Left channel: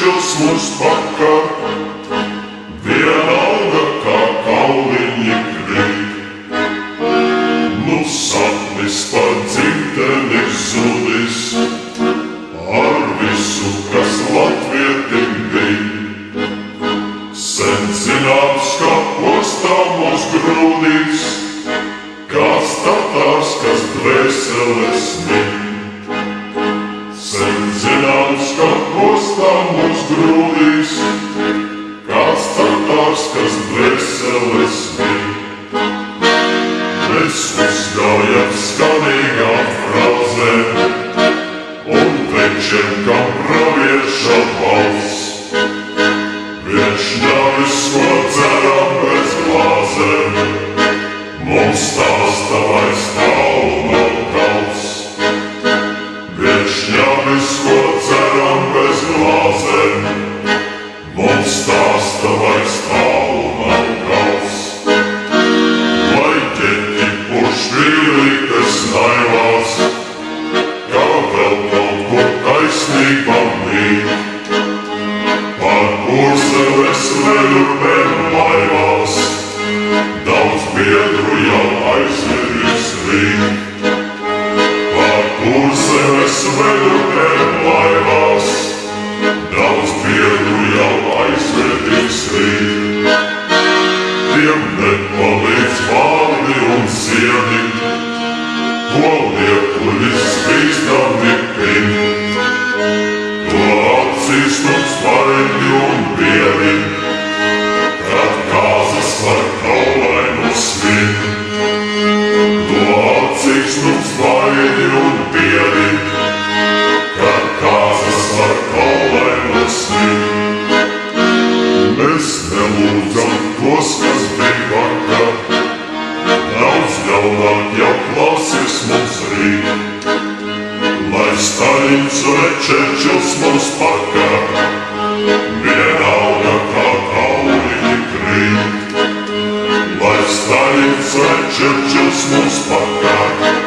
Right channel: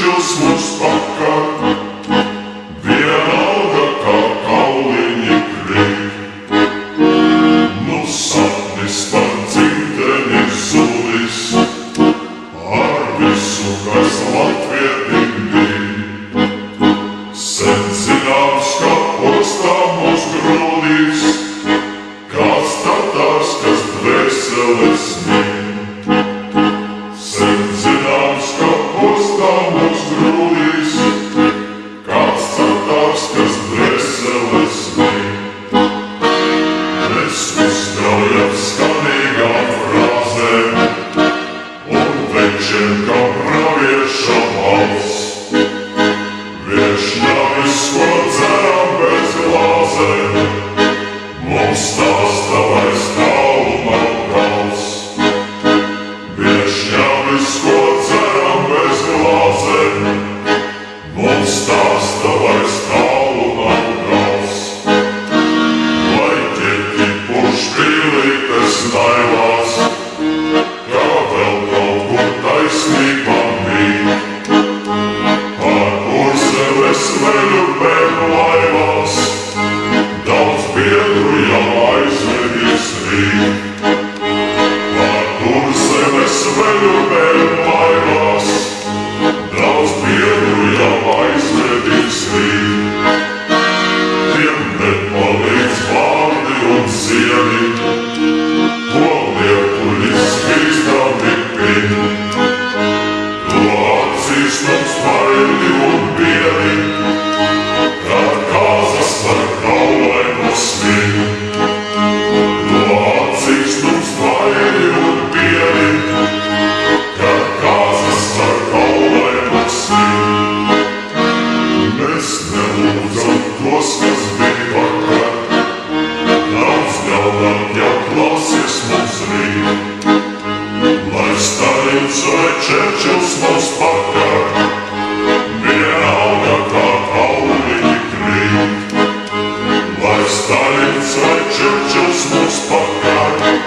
Čerčils mums pakar, vienalga kā kauliņi krīt. Nu sapnis par dzimteni zudis, ar visu, kas latvietim bij. Sen zināms, ka postā mūs grūdīs, kāds tatārs, kas dvēseles mīl. Sen zināms, ka postā mūs grūdīs, kāds tatārs, kas dvēseles mīl. Mēs uzgaujam skanīgām frāzēm un večiem kā pravieša balss. Viešņavis, ko dzeram bez glāzēm, mums stāsta vairs tālu nav gals. Viešņavis, ko dzeram bez glāzēm, mums stāsta vairs tālu nav gals. Vai ķeķi pušpīlītes naivās, kā vēl kaut kur taisnība mīt. Pār Kurzemes veļupēm laivās, daudz biedru jau aizvedīs rīt. Pār Kurzemes veļupēm laivās, daudz biedru jau aizvedīs rīt. Tiem nepalīdz vārdi un sieni, ko liekuļis bīstami pin. To atzīst mums vaļi un bieri, kad kāzas par kaulainu svin. To atzīst mums vaļi un bieri, kad kāzas par kaulainu svin. Mēs nelūdzam tos, kas bija vakar, daudz ļaunāk jau klausies mums rīt. Lai Staļins vai Čerčils mums pakar, vienalga kā kauliņi krīt. Lai Staļins vai Čerčils mums pakar,